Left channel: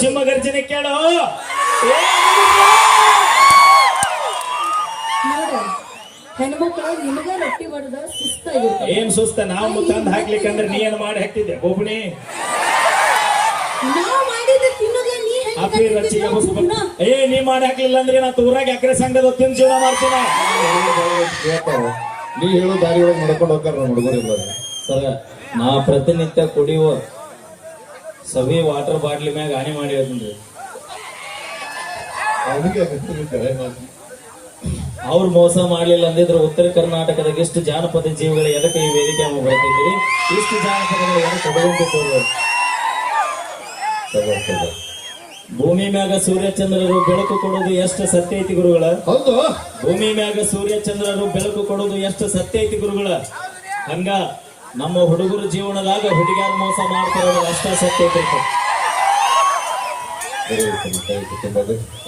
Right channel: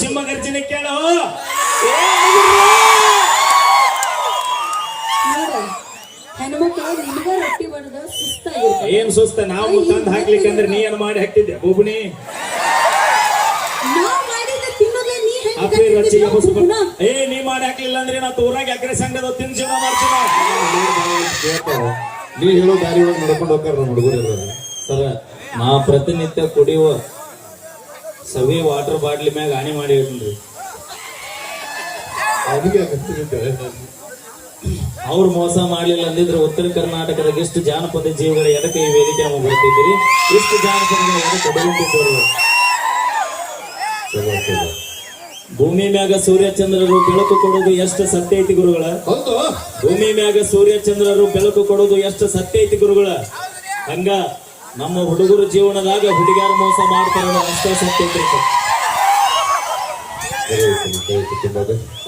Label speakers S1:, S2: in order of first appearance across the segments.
S1: ಸಿಂಹ ಗರ್ಜನೆ ಕೇಳೋ ಏ
S2: ನೋಡ ಹೆಣ್ಮಕ್ಳು ನಿಮಗ ರೊಟ್ಟಿ ಬಡ್ದ ಸುಸ್ತಾಗಿರ್ತಾರೆ
S1: ಏನ್ ಸುಸ್ತ? ನಾವು ತಂದ್ ಹಾಕ್ಲಿಕ್ಕಂದ್ರೆ ನೀ ಏನ್ ಮಾಡಿ ಹಾಕ್ತಿದ್ದೆ. ಅಪ್ಪಿ
S2: ಕಟ್ತಿದ್ದಿ
S1: ಏ ನೀ ಮಾಡಿ ಹಾಕ್ಲಿಲ್ಲ ಅಂದ್ರೆ ನಾ ತೂರಾಗಿ ಅಕ್ರೆ ಸಂಡದ ತಿಂದ್ ಜೀವನ ಮಾಡ್ತೀನ.
S3: ನೀ ಹೇಳೋ ದಾರಿ ಒಳಗೆ ನಡ್ಕೊಂಡು ಹೋಗ್ತಾರೆ ನಮ್ಮ ಹುಡುಗರು
S4: ಸರ ನಾ ಪ್ರತಿನಿತ್ಯ ಕುಡಿಯುವ ಸವಿ ವಾಟರ್ ಬಾಟ್ಲಿ ಮ್ಯಾಗ ಹಾನಿ ಮಾಡಿ. ಅವ್ರು ಮೋಸ ಮಾಡ್ಲಿಲ್ಲ ಅಂದಿದ್ರೆ ಉತ್ತರ ಕರ್ನಾಟಕದಾಗ ಇಷ್ಟು ಜಾನಪದ ಜೀವಿಗಳ ಎದಕ್ಕೆ ಈ ವೇದಿಕೆ ಬರ್ತಿದ್ದೀರಿ? ಇಷ್ಟು ಜಾನಪದಗಳು ಎದಕ್ಕೆ. ಭೂಮಿ ಮ್ಯಾಗ ಸೂರ್ಯಚಂದ್ರರು ಬೆಳಕು ಕೊಡೋದು ಎಷ್ಟು ಸತ್ಯ ಐತಿ ಗುರುಗಳ?
S3: ಹೌದು.
S4: ಭೂಮಿ ಮ್ಯಾಗ ಸೂರ್ಯಚಂದ್ರರು ಬೆಳಕು ಕೊಡೋದು ಎಷ್ಟು ಸತ್ಯ ಐತಿ ಗುರುಗಳ? ಹಂಗ ನಮ್ಮ ಹುಡುಗರ ಜೀವನದಾಗ ಹುಡುಗಿಯರು ಮೋಸ ಮಾಡ್ತಾರೆ ಅಷ್ಟೇ ಸತ್ಯ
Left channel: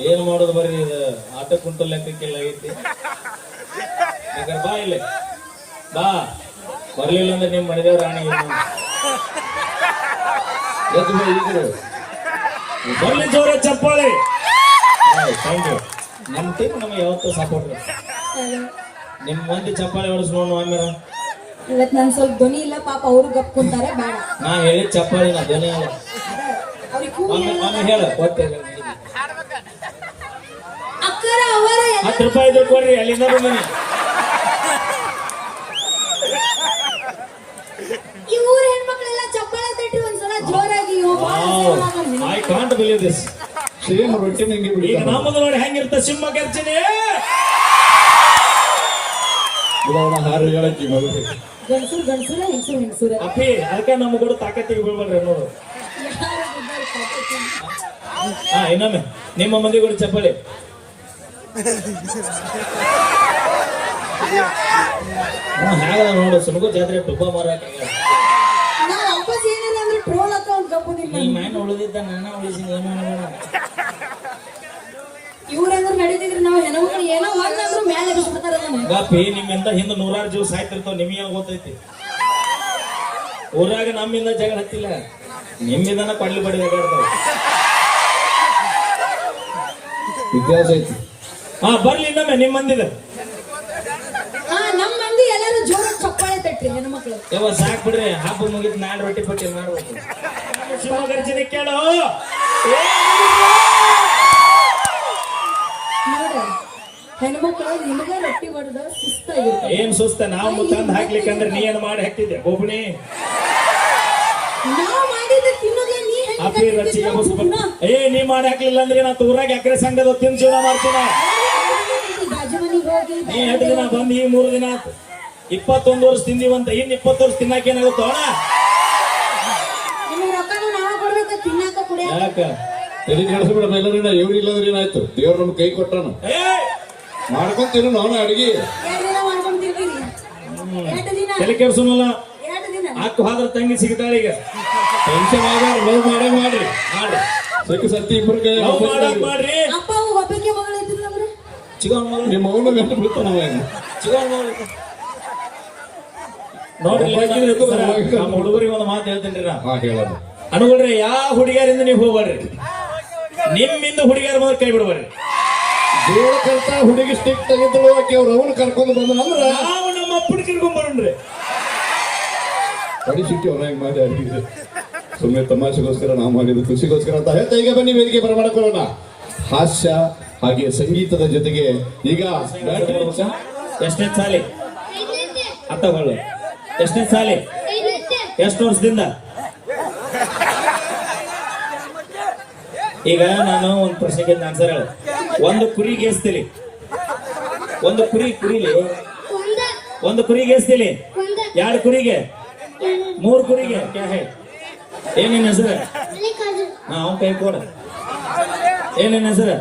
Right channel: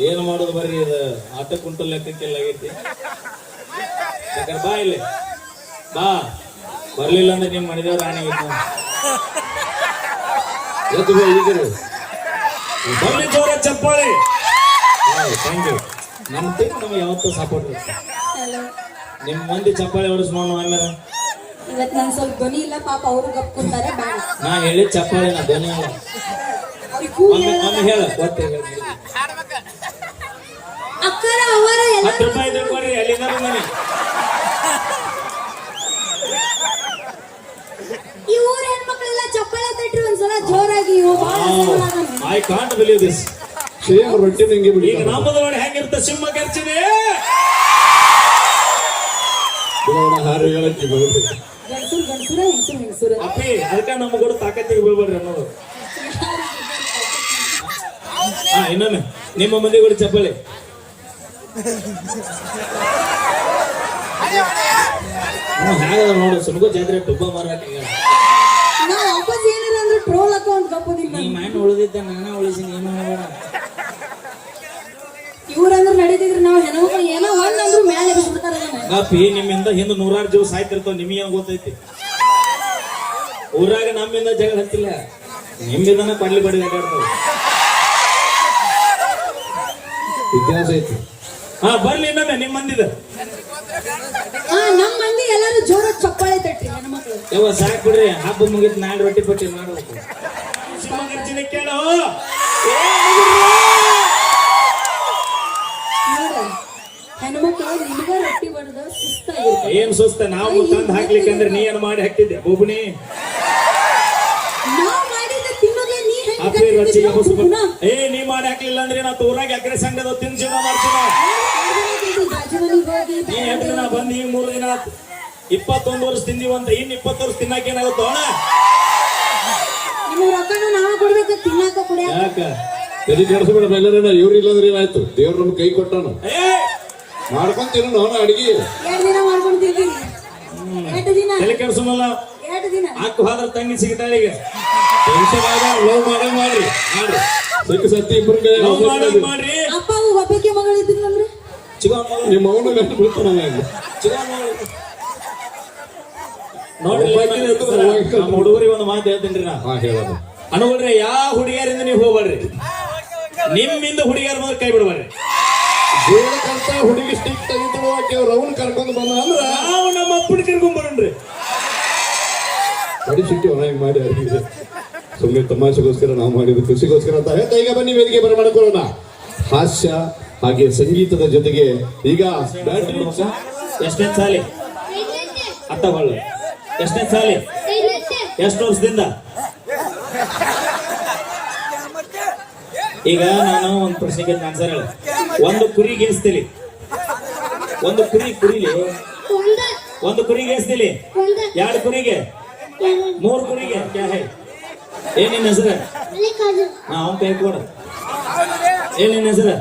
S4: ಏನು ಮಾಡೋದು ಬರ್ರಿ ಇದು ಆಟ ಕುಂಟು ಲೆಕ್ಕಕ್ಕೆಲ್ಲ ಆಗೈತಿ. ಬಾ ಇಲ್ಲಿ. ಬಾ. ಬರ್ಲಿಲ್ಲ ಅಂದ್ರೆ ನಿಮ್ ಮನೆದೇವ್ರ ರಾಣಿ
S3: ಎದ್ದು.
S1: ಬರ್ಲಿ ಜೋರ ಚಪ್ಪಾಳೆ.
S4: ಥ್ಯಾಂಕ್ ಯು ನಮ್ಮ ಟೀಮ್ ನಮ್ಗೆ ಯಾವತ್ತೂ ಸಪೋರ್ಟ್ ನಿಮ್ ಮಂದಿ ಚಪ್ಪಾಳೆ ಹೊಡಿಸ್ ನೋಡೋಣ ಆಮೇಲೆ
S2: ಇವತ್ ನನ್ ಸ್ವಲ್ಪ ಧ್ವನಿ ಇಲ್ಲ ಪಾಪ ಅವ್ರು ಗಪ್ಕೊಂತಾರೆ ಬೇಡ.
S4: ನಾ ಹೇಳಿ ಚಪ್ಪಾಳೆ ನಾ ಧ್ವನಿ ಅಲ್ಲ ಹೇಳ
S2: ಅಕ್ಕರ ಅವರ ಎಲ್ಲ
S1: ಹತ್ತು ರೂಪಾಯಿ ಕೊಡ್ರಿ ಅಲ್ಲಿಂದ ಬಂದಿನಿ
S2: ಈ ಊರ ಹೆಣ್ಮಕ್ಳೆಲ್ಲ ಚಪ್ಪಾಳೆ ತಟ್ಟಿ ಒಂದ್ಸಲ ಜೋರಾಗಿ.
S1: I can't believe this
S3: same ರೊಟ್ಟಿ ನಂಗೆ
S1: ಈಗ
S3: ಬಿಡಿತಾರ.
S1: ನಮ್ಮದು ನೋಡಿ ಹೆಂಗಿರ್ತ ಸಿಂಹ ಗರ್ಜನೆ.
S3: ಉದಾಹರಣೆ ಹಾರಿ ಹೇಳಕ್ಕೆ ಬರುತ್ತೆ.
S2: ಗಂಡ್ಸುರ್ ಗಂಡ್ಸುರ ಹೆಂಗ್ಸುರ್ ಹೆಂಗ್ಸುರ?
S1: ಅಪ್ಪಿ ಅದಕ್ಕೆ ನಮ್ಮ ಕೂಡ ತಾಕತ್ತಿಗೆ ಬೀಳ್ಬೇಡ್ರಿ ಅನ್ನೋದು. ಹಾ ಇನ್ನೊಮ್ಮೆ. ನಿಮ್ಮ ಮಂದಿ ಕೂಡ ಚಪ್ಪಲಿ.
S4: ಹಾಗಾದ್ರೆ ನೋಡು ಸುಮಗ ಜಾತ್ರೆ ಟುಬ್ಬ ಮಾರಾಟ
S2: ನಾ ವಾಪಸ್ ಏನಾರ ಅಂದ್ರೆ ಟ್ರೋಲ್ ಅಕೌಂಟ್
S4: ಈ ಮ್ಯಾಟ ಉಳಿದಿದ್ದ ನಾನ ಉಳಿಸಿ ಏನೋ ಮಾಡಬೇಡ
S2: ಇವ್ರಂದ್ರೆ ನಡೀತಿದ್ರು ನಾವು ಹೆಣ್ಮಕ್ಳು
S1: ಗಪ್ಪಿ ನಿಮ್ಮಿಂದ ಹಿಂದೆ ನೂರಾರು ಜೀವ ಸಾಯ್ತಿರ್ತಾವ ನಿಮಗೆ ಗೊತ್ತೈತಿ? ಊರಾಗ ನಮ್ಮಿಂದ ಜಗಳ ಹತ್ತಿಲ್ಲ. ನಿಮ್ಮಿಂದನ ಕಡ್ಲಿ ಬಡಿ ಜಗಾಡ್ತಾವ
S3: ಇತಿಹಾಸ ಐತಿ.
S1: ಹಾ ಬರ್ಲಿ ಇನ್ನೊಮ್ಮೆ ನಿಮ್ ಮಂದಿದ.
S2: ಹಾ ನಮ್ ಮಂದಿ ಎಲ್ಲರೂ ಜೋರ ಚಪ್ಪಾಳೆ ತಟ್ರಿ ಹೆಣ್ಮಕ್ಳು
S4: ಯವ್ವ ಸಾಕ್ ಬಿಡ್ರಿ ಹಬ್ಬ ಮುಗಿದ್ ನಾಳೆ ರೊಟ್ಟಿ ಪಟ್ಟಿ ಮಾಡ್ಬೇಕು.
S1: ಸಿಂಹ ಕೇಳೋ? ಏ
S2: ನೋಡ ಹೆಣ್ಮಕ್ಳು ನಿಮಗ ರೊಟ್ಟಿ ಬಡ್ದ ಸುಸ್ತಾಗಿರ್ತಾರೆ
S1: ಏನ್ ಸುಸ್ತ? ನಾವು ತಂದ್ ಹಾಕ್ಲಿಕ್ಕಂದ್ರೆ ನೀ ಏನು ಮಾಡಿ ಹಾಕ್ತಿದ್ದೆ ಒಬ್ಬನೇ
S2: ನಾವ್ ಮಾಡಿದ ತಿನ್ನೋದೇ ನೀ
S1: ಅಪ್ಪಿ ರಚ್ಚಿಗೆ ಏ ನೀ ಮಾಡಿ ಹಾಕ್ಲಿಲ್ಲ ಅಂದ್ರೆ ನಾ ತೂರಾಗಿ ಅಕ್ರೆ ಸಂಡದ ತಿಂದ್ ಜೀವನ ಮಾಡ್ತೀನ?
S2: ಹೋಗಿ
S1: ನೀ ಎರಡು ದಿನ ಬಂದ್ ಈಗ ಮೂರು ದಿನ ಆತು. ಇಪ್ಪತ್ತೊಂದು ವರ್ಷ ತಿಂದಿವಂತ ಇನ್ ಇಪ್ಪತ್ತು ವರ್ಷ ತಿನ್ನಾಕ ಏನಾಗುತ್ತೋ?
S2: ನಿಮ್ಮ ರೊಕ್ಕನ ನಾವ್ ಕೊಡ್ಬೇಕು ತಿನ್ನಾಕ ಕುಡಿಯಾಕ
S1: ಯಾಕ?
S3: ತಲೆ ಕೆಡಿಸ್ಬೇಡ ಎಲ್ಲರೇನ ಇವ್ರು ಇಲ್ಲಂದ್ರೆ ಏನಾಯ್ತು? ದೇವ್ರ ನಮ್ಗೆ ಕೈ ಕೊಟ್ಟನು.
S1: ಏ
S3: ಮಾಡ್ಕೊಂತೀನು ನಾನು ಅಡಿಗೆ.
S1: ತಲೆ
S2: ದಿನ.
S1: ಹಾಕು ಹೋದ್ರ ತಂಗಿ ಸಿಗ್ತಾಳೆ ಈಗ.
S3: ಟೆನ್ಷನ್ ಆಗ ಲವ್ ಮಾಡೋದು ಮಾಡ್ರಿ.
S1: ಮಾಡ್ರಿ.
S3: ಸತ್ಯ ಸತ್ಯ ಇಬ್ಬರು ಕೈ
S1: ಮಾಡ್ರಿ.
S4: ಮಗ
S3: ನಿಮ್ಮ ಅವನು ಗಂಟು ಬೀಳ್ತಾನ
S1: ನೋಡ್ರಿ ನಮ್ಮ ಹುಡುಗರಿಗೆ ಒಂದು ಮಾತು ಹೇಳ್ತೀನಿ ನಾ.
S3: ಹಾ ಹೇಳೋದು
S1: ಅನುಗುಣ್ರೆ ಯಾವ ಹುಡುಗಿಯರಿಂದ ನೀವು ಹೋಗ್ಬಾರ್ರಿ? ನಿಮ್ಮಿಂದ ಹುಡುಗಿಯರ ಬಂದ್ರೆ ಕೈ ಬಿಡಬೇಡ್ರಿ
S3: ಜೀವನಕ್ಕಂತ ಹುಡುಗಿ ಸ್ಟಿಕ್ ತೆಗೆದು ಆಕೆ ಅವ್ರ ಅವನು ಕರ್ಕೊಂಡು ಬಂದ ಅಂದ್ರೆ
S1: ನಾವು ನಮ್ಮ ಅಪ್ಪನ ಕರ್ಕೊಂಡ್ ಬರೋಣ್ರಿ.
S3: ಕಡಿ ಸಿಟ್ಟಿ ಹೊರಗೆ ಮಾಡಿ ಅರಿವಿದೆ ಸುಮ್ಮನೆ ತಮಾಷೆಗೋಸ್ಕರ ನಾವು ಮಾಡಿದ್ದು ಖುಷಿಗೋಸ್ಕರ ಅಂತ ಹೇಳ್ತಾ ಈಗ ಬನ್ನಿ ವೇದಿಕೆ ಬರಮಾಡ್ಕೊಳ್ಳೋಣ ಹಾಸ್ಯ ಹಾಗೆ ಸಂಗೀತದ ಜೊತೆಗೆ ಈಗ
S1: ಎಷ್ಟನೇ ಸಾಲಿ? ಅರ್ಥ ಬಾಳು ಎಷ್ಟನೇ ಸಾಲಿ? ಎಷ್ಟು ವರ್ಷದಿಂದ? ಈಗ ನಾನು ಒಂದು ಪ್ರಶ್ನೆಗೆ ಆನ್ಸರ್ ಹೇಳ. ಒಂದು ಕುರಿ ಗೇಸ್ತಿಲಿ ಒಂದು ಕುರಿ ಕುರಿಲಿ. ಒಂದು ಕುರಿ ಗೇಸ್ತಿಲಿ ಎರಡು ಕುರಿಗೆ. ಮೂರು ಕುರಿಗೆ. ಏನೇನು ಹೆಸರ ಏನಿನ ಹೆಸರು? ಹಾ ಅವ್ನ ಕೈ ಕೊಡ. ಏನೇನು ಹೆಸರು?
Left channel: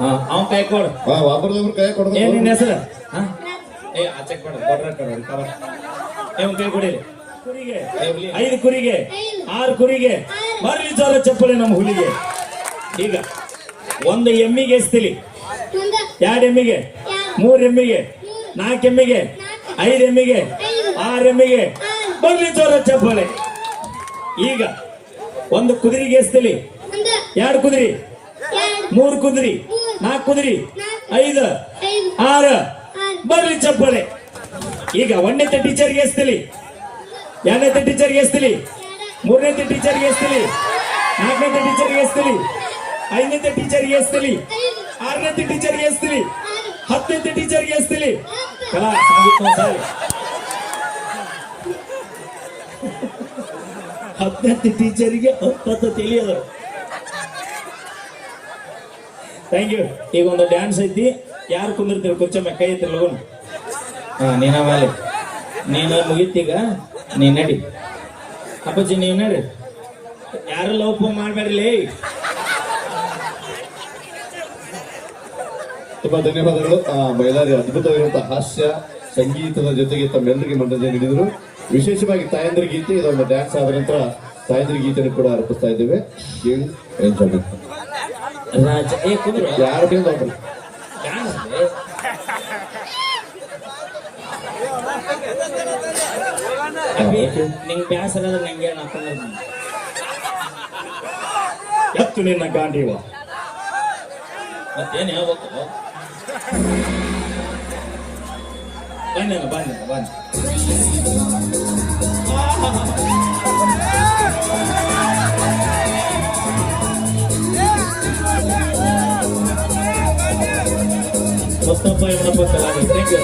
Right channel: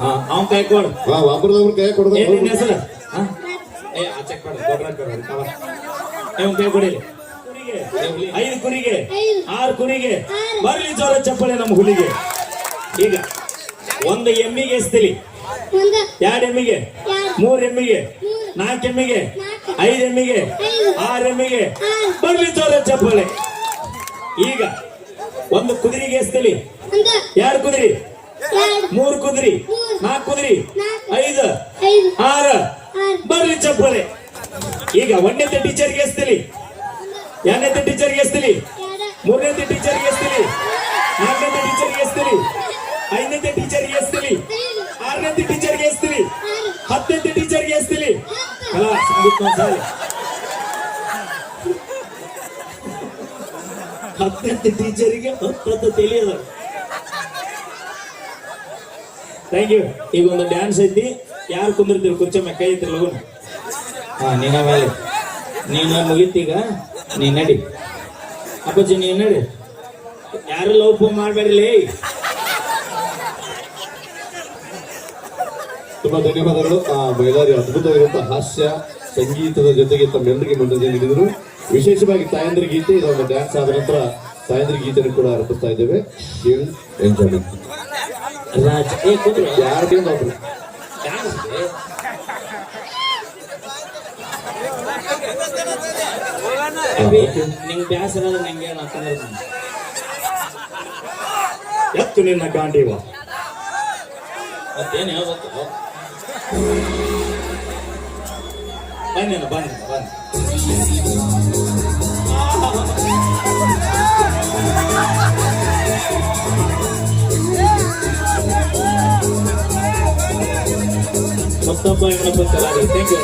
S1: ಹಾ ಅವ್ನ ಕೈ ಕೊಡ.
S3: ಒಬ್ರದೊಬ್ರು ಕೈ ಕೊಡ
S1: ಏನೇನು ಹೆಸರ? ಏ ಆಚೆ ಕೊಡು ಕೈ ಕೊಡಿಲಿ. ಐದು ಕುರಿಗೆ. ಆರು ಕುರಿಗೆ. ಬರ್ಲಿ ಜೋರ ಚಪ್ಪಲಿ ನಮ್ಮ ಹುಲಿಗೆ. ಈಗ. ಒಂದು ಎಮ್ಮಿಗೆ ಎಸ್ತಿಲಿ. ಎರಡು ಎಮ್ಮಿಗೆ ಮೂರ್ ಎಮ್ಮಿಗೆ ನಾಲ್ಕು ಎಮ್ಮಿಗೆ ಐದು ಎಮ್ಮಿಗೆ ಆರು ಎಮ್ಮಿಗೆ. ಬರ್ಲಿ ಜೋರ ಚಪ್ಪಲೆ. ಈಗ ಒಂದು ಕುದುರೆಗೆ ಎಸ್ತಿಲಿ. ಎರಡು ಕುದುರಿ ಮೂರ್ ಕುದುರಿ. ನಾಲ್ಕು ಕುದುರಿ. ಐದು ಆರು. ಬರ್ಲಿ ಚಪ್ಪಳೆ ಈಗ ಒಂದನೇ ಟೀಚರ್ಗೆ ಎಸ್ತಿಲಿ. ಎರಡನೇ ಟೀಚರ್ಗೆ ಎಸ್ತಿಲಿ. ಮೂರನೇ ಟೀಚರ್ಗೆ ಎಸ್ತಿಲಿ. ನಾಲ್ಕನೇ ಟೀಚರ್ಗೆ ಎಸ್ತಿಲಿ. ಐದನೇ ಟೀಚರ್ಗೆ
S2: ಎಸ್ತೀವಿ.
S1: ಆರನೇ ಟೀಚರ್ಗೆ
S2: ಎಸ್ತೀವಿ.
S1: ಹತ್ತನೇ ಟೀಚರ್ಗೆ ಎಸ್ತೀವಿ. ಕಲಾ. ಹತ್ತನೇ ಟೀಚರಿಗೆ ಹತ್ತತ್ತು ತಿಳಿಯದ ಥ್ಯಾಂಕ್ ಯು ಈಗ ಒಂದು ಡ್ಯಾನ್ಸ್ ಐತಿ. ಯಾರು ಕುಂದಿರ್ತೀರಿ? ಮೇಲೆ ಕೈ ಐತಿ ಹಾ, ನೀನ ವಾಲಿ ನೀನು ಮುಗೀತೀಗ ನೀ ನಡಿ. ಅಪ್ಪಾಜಿ, ನೀನ್ ನಡಿ. ಯಾರು ಲವ್ ಫೋನ್ ಮಾಡ್ಬೇಡ್ರಿ
S3: ತುಂಬಾ ಧನ್ಯವಾದಗಳು ಆ ಮಹಿಳೆಯರು ಅದ್ಭುತವಾಗಿರುವಂತಹ ಹಾಸ್ಯ ಸಂಗೀತದ ಜೊತೆಗೆ ತಮ್ಮೆಲ್ಲರಿಗೆ ಮನರಂಜನೆ ನೀಡಿದರು. ವಿಶೇಷವಾಗಿ ತಾಯಂದ್ರ ಗೀತೆ ಇದೊಂದು ಡ್ಯಾನ್ಸ್ ಆದ ನಂತರ ತಾಯಂದ್ರ ಗೀತೆಯನ್ನು ಕೂಡ ಅರ್ಪಿಸ್ತಾ ಇದ್ದೇವೆ. ಎಂಜಾಯ್ಮೆಂಟ್
S1: ನಿಂಗೆ ನಂಗೆ ಎತ್ತು ನಿನ್ನ ಗಾಂಡಿವ. ಮತ್ತೇನು ಹೇಳ್ಬೇಕು? ಬನ್ನಿ ಬನ್ನಿ ಬನ್ನಿ. Mustafa ಇಬ್ರಪ್ಪ thank you